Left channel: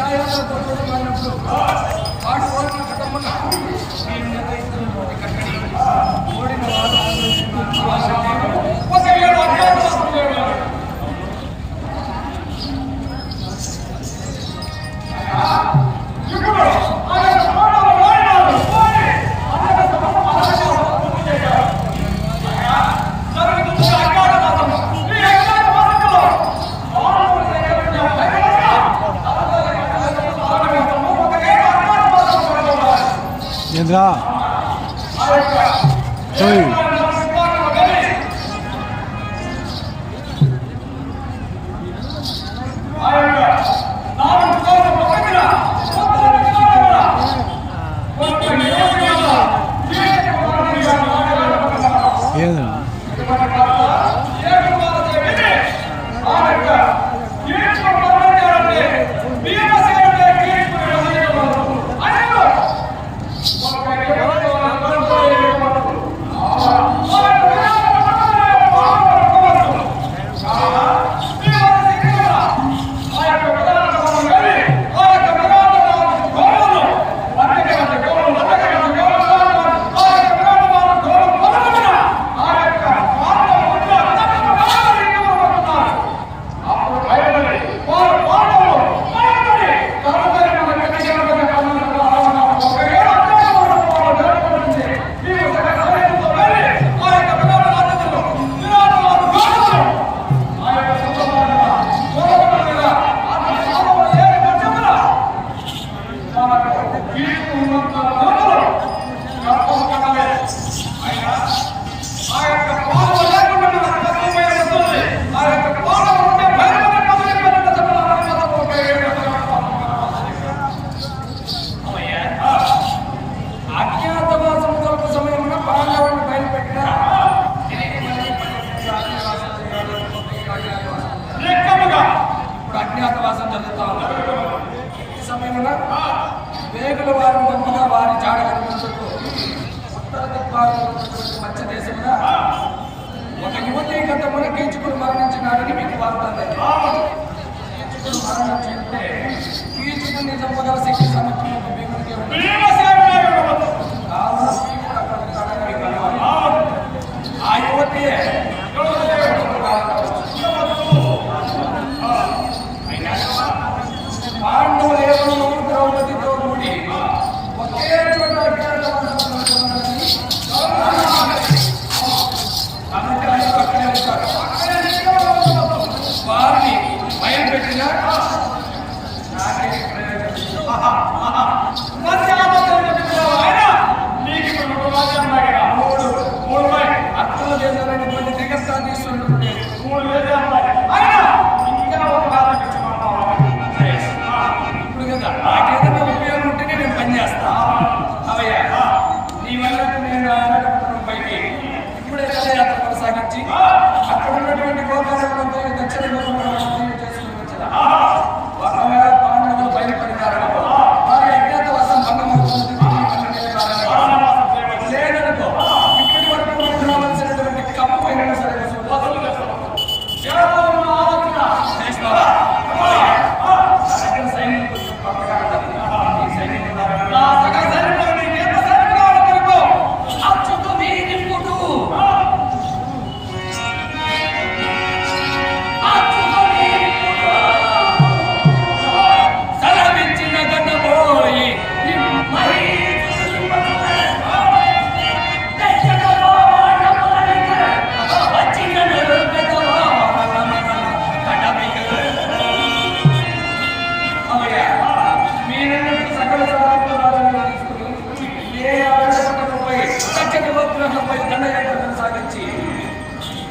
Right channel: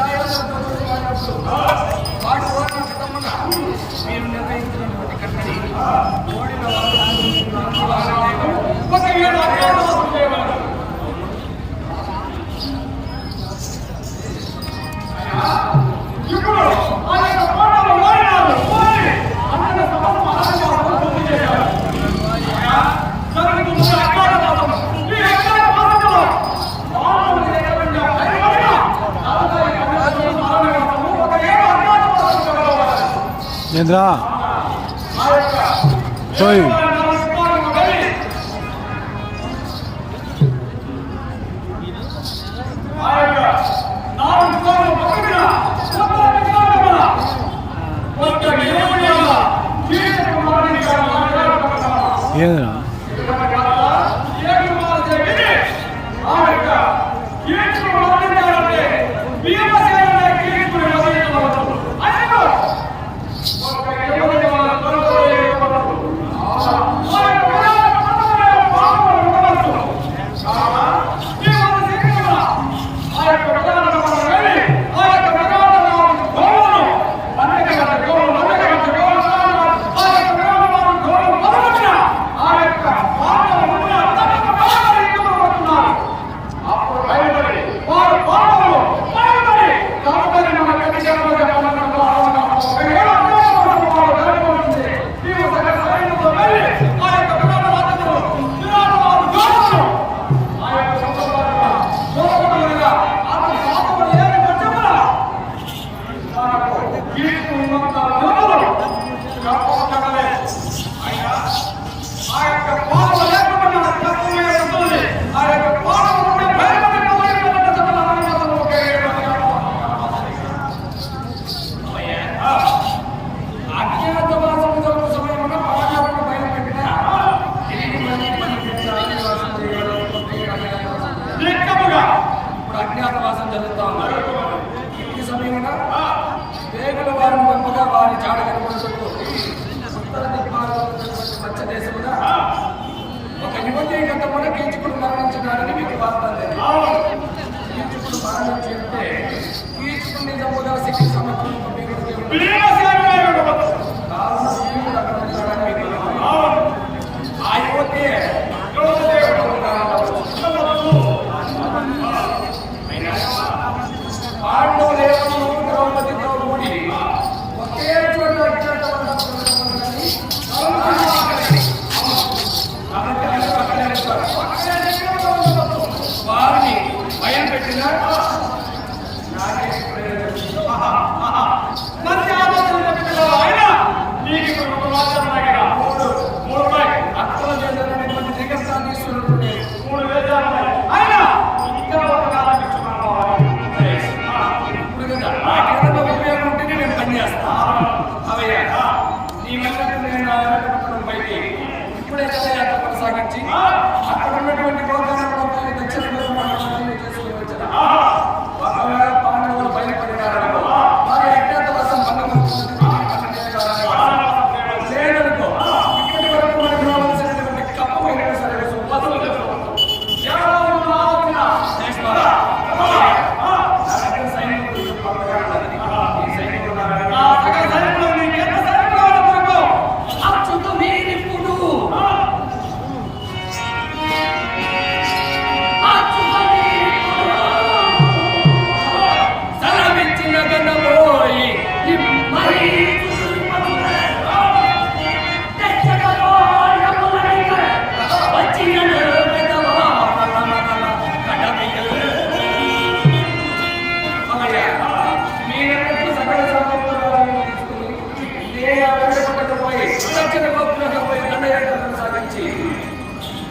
దాయాదప్పుడు వాటి ఓడిన కుటుంబంలో మీరు నిర్ణయించినటువంటి కట్టడి ఓడిన వారు 얘들아. 저희. 얘들아. ఇప్పుడు అజ్ఞాతవాసం జరుగుతా ఉంది. ఈ సమయమున వేగుల వారిని పంపగా వారి జాడ కనుగొనుటకు ఉత్తర దిగ్భాగంలో ఉన్నటువంటి మధ్య దేశమున ఒక యువతి గతమున కీచుకుడు మరణించినాడని మీకు వార్త. కీచుకుడు మరణించి ఉంటే కీచుకుడిని చంపగల శక్తి సమర్థం ఒక భీముడికే ఉన్నది కావున భీముడు అక్కడ ఉంటాడని మీకు ఆ యువతి పాండవులు ఏమను ద్రౌపదితో కూడి ఒకే చోట అజ్ఞాతవాసం కాబట్టి అందరూ అక్కడే ఉంటారు. వారిని భయం పెట్టిన నాకే ప్రయోజనం ఇప్పుడే జలయాత్ర కొనసాగించి అక్కడ ఉన్నటువంటి గోకాండంలో దక్షిణ గోకాండం చేసుకుని వచ్చదా దక్షిణ గోత్రంపై దండయాత్ర కొనసాగించి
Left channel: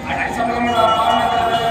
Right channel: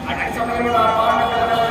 అట్టి సమయంలో పాండవుల